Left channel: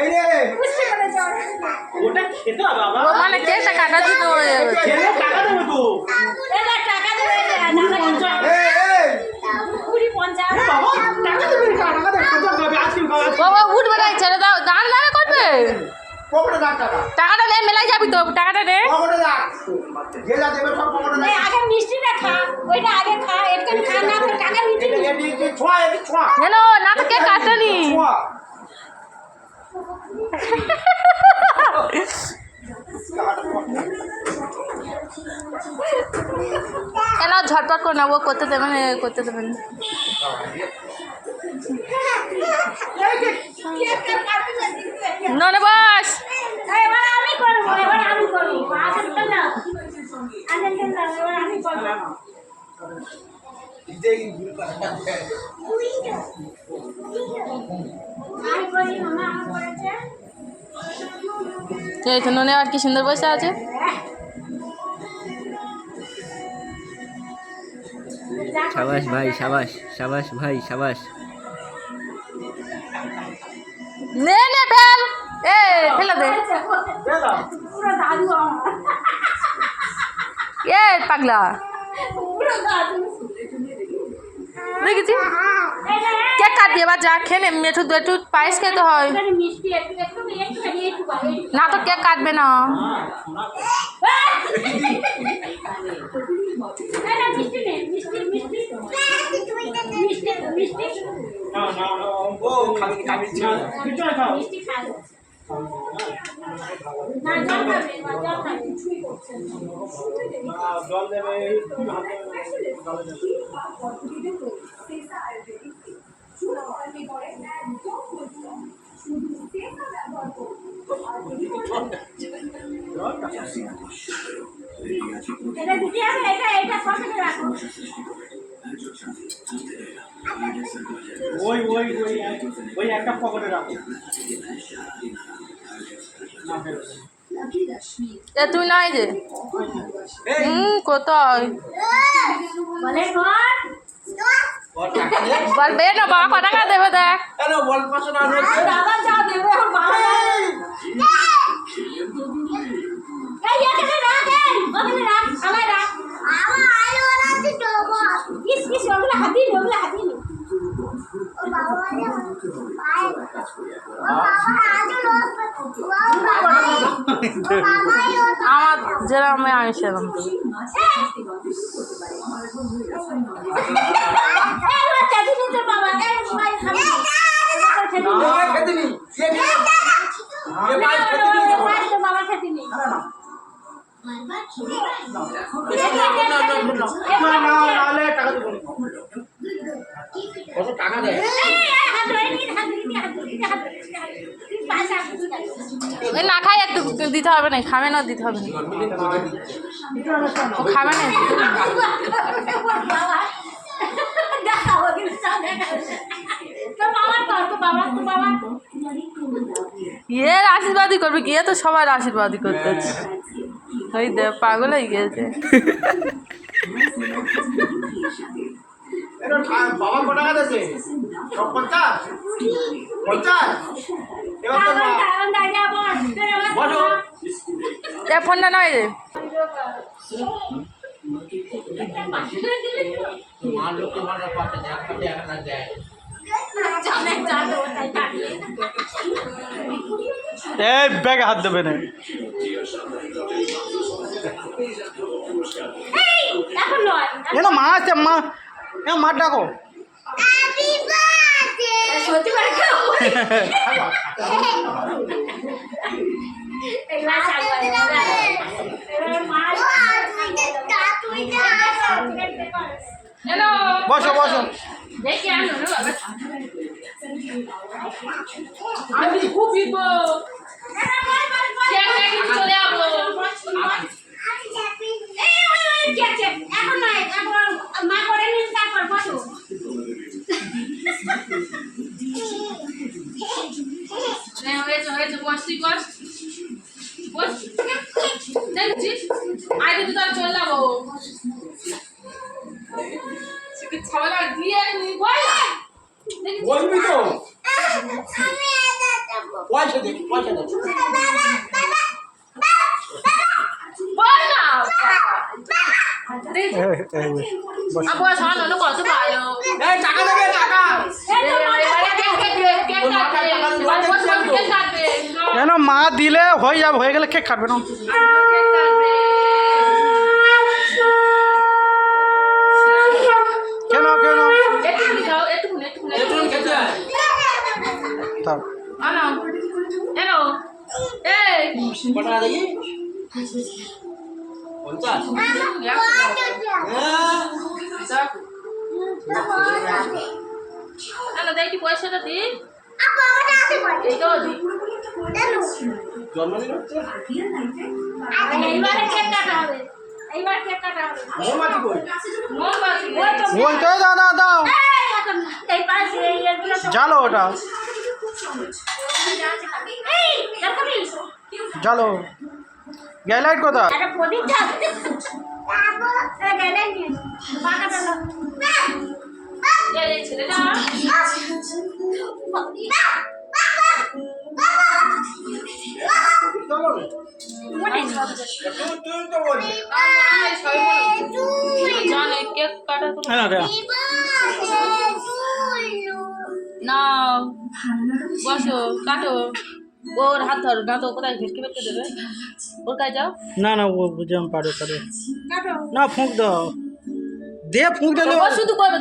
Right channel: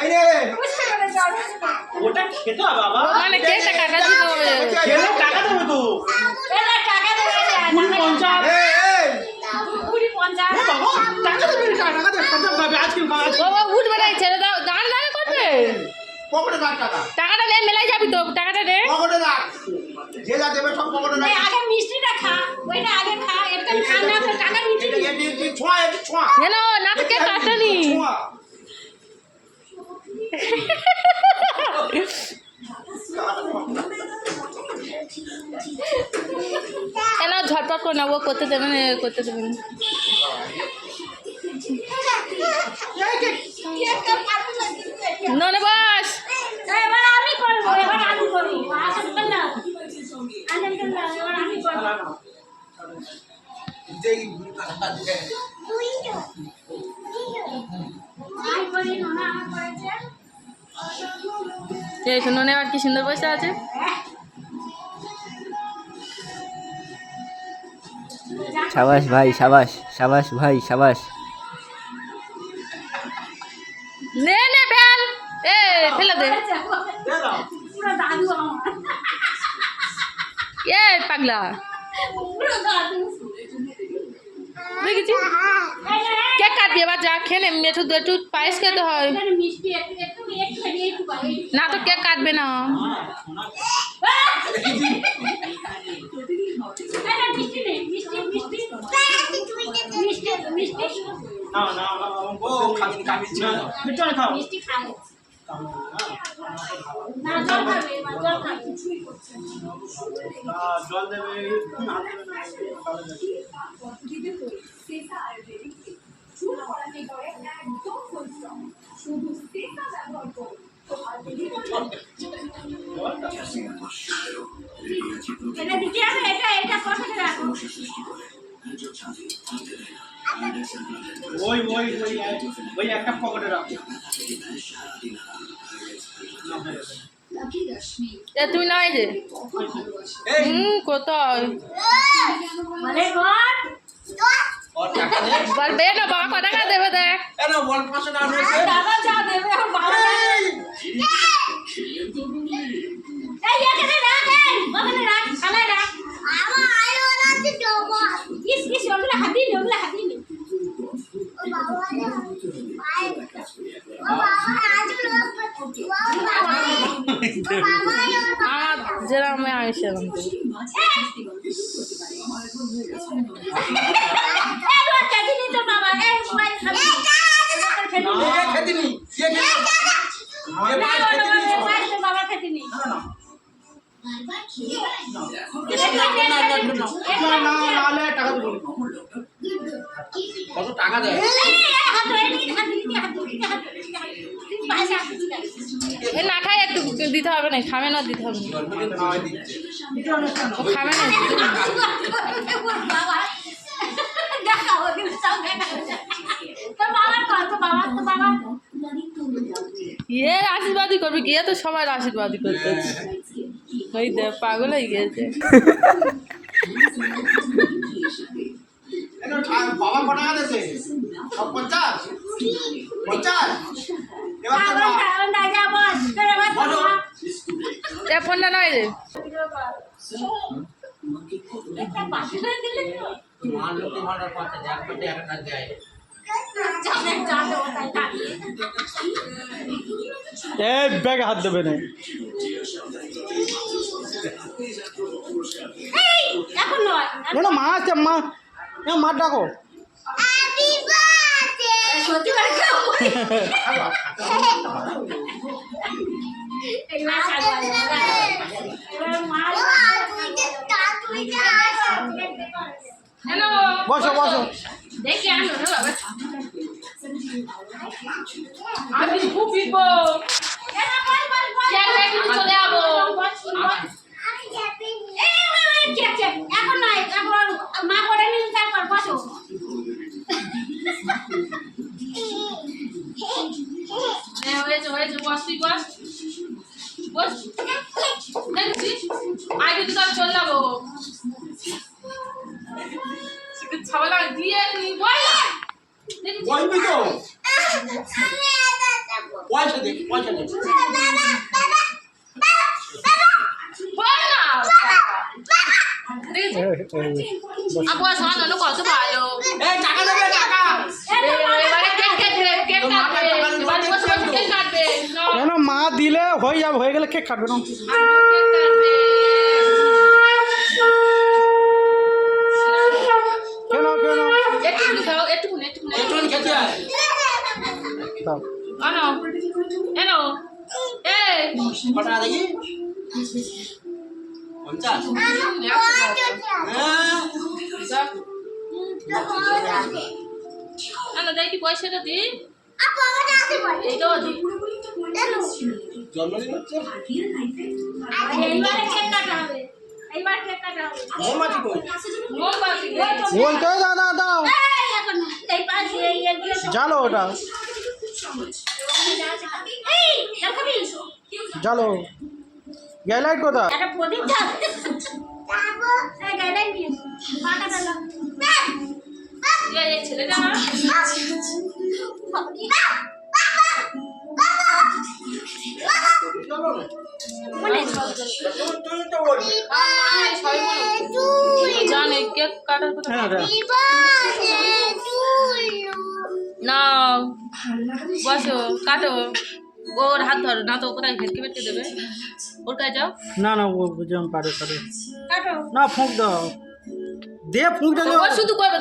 এই রে ওটা খেতে হবে বাবা। ও মানে কেকটা কাটা দিতে হবে। খেলে টাকা দেবো তো। টাকা দেবে কুড়ি 50। এই এই 50 বাবা টাকা দেবে, টাকা দেবে, খাবে আজকে খাবে। বাবা উঠবে না, ছেড়ে দাও, দাঁড় দাঁড়া করবে। পকেটে রাখ টাকা, টাকাটা নে, মেলায় যাবি তো, টাকাটা নে। পকেটে রাখ, যে যা দেবে সব পকেটে রাখ। আগে মিষ্টিটা খা, ওইটা আগে খা, এটা খা না তো টাকা নিতে এটা এটি ছোঁয়া, এটি ছোঁয়া, জানো না তো কেক কাটানি। ছোঁয়া। কেন ঝটপট করে নেবো, করতে দেবেন, করতে দেবেন। ননে বাস এবার আমি করব, এবার আমি করব, আসল তো না আসল তো না, এবার আমি করব। এই গুরুটা আমি করি না, আমার করেছে। এই তো ননে আর কি সুন্দর বসে আছে। সাবাস ভাই, সাবাস সাবাস ভাই, সাবাস। নে নে ফেল, এ ফেলে দে। পুরো দাদু আমার, এ পাগলা পুরো দাদু। দেখেছি কেক কাটবি, এবার যা খেয়ে নে, মেঠু একটু পায়েস খেতে হয় এখানে মিষ্টি একটু একটু একটু একটু না তো কেক কাটবে না। মিষ্টি নেই, মিষ্টি মিষ্টি মিষ্টি মিষ্টি না না না, ও খাবি খাবি না পিছনে খাও। মিষ্টি খাই না, জল খাবে, জল খাবে। জল দেবে, হাত দেবে না, জল দেবে। এটা দিতে হবে, এটা এটা পকেটে রাখো। ওই ওই ওই ওই একটা পকেটে রাখো। না ফেলে দে। এ তুমি নাই যে কোথায় বলে কর ওর টাকা দে, বলবে না, বাবা কত টাকা দেবে দেখ। এ না বল 500 টাকা নোট দে। দাদা যা দেবে ওর বাবা যাবে। এই এখানে রাখ, এই ওখানে রাখ, খালে রাখ। আমার আলো আছে তো বস। কিস কিস ওগুলো হাতি নে, ওগুলো হাতি নে। ও বাবা রে পায়। ও বাবা আজও লোক আমার যেরকম আমি সেরকম তো। এ খেতে নি, এ খেতে, এ মাছ খেতে নি। না না নালে টাকা দেবো না। কত টাকা দেয়? এ না খাই একটু দিতে হবে না, খাবে না দিতে হবে না, জন্মদিন খাওয়াই দিচ্ছে। ও খাবে না। এর আশীর্বাদই করবে, গিয়ে তো সবার আশীর্বাদই করতে হচ্ছে। ওই দে পাগল হয়ে গিয়েছে। এটা বাবা কত টাকা দিয়েছে? সব 50? 50? এবার তোর মা বলো। এ ফোনটা নয় রে। মার লোকে মারার পাশে একটাতে একটা দেয়। এই ব্যাগে হাত দেবে না। এখন নয়, এ না মা আছে, মা এ মা ডাকো। সত্যি করে কেউ এগুলা সাগরে হ্যালো বসো বসো। দেখি আনো না বাবা, আমি খুব বিপো কিন্তু চলে যাবো। এখন নয়, এখন মা করে নিন, তারপর বসো। হয়েছে হয়েছে, বস তুই বস বস। দেখছিস আই দিদি তো চলে যাবো, ছাবলা দিয়ে বল বলবি তো? পয়সা দে পয়সা দে বল না আপু শোনো না কত ভালো এই টাকা দেবে টাকা এবারে কেক কাটবে কেক কাটবে এবারে বসে বসে কেক কাটবে কেন মা দিলে হয়ে যাবে, হয়ে গেলে কেক কাটবে না। কেক কাটবে কেন কেন একটুখানি খাও একটুখানি একটু খেতে আয় তাও আনো এনো এই কটা দেখি 50 হ্যাঁ আনো দেখি পয়সাটা দিন আপু আমাকে আছে বল এইটাও দিন জন্মদিন হচ্ছে এইবারে কেক কাটা হবে এইবার কেক কাটা হবে মোমবাতি কই মোমবাতি বলতে দাও দাও দাও, এই এখন এই পাশে এই এগুলো সব জালো ওটা, এই দেখাবি জালো। গ্যালাইট কোথায়? একটা প্রদীপ জ্বাল বাবু এই গাইডাই নিয়ে মাথা ডালো এই ছেলেটা চলো না তুই তো বলবি জানে কেক কাটা তো হ্যাঁ হ্যাঁ না বসো কাটো ওর হাত ধরো না তো কোথায় ভেটকে ভেটকে দেবে ওর কাছে যাও না না ও যেমন পারে পারে কাটো না, ফুঁক দাও, দে ফুঁক দিলে ও শুধু করবে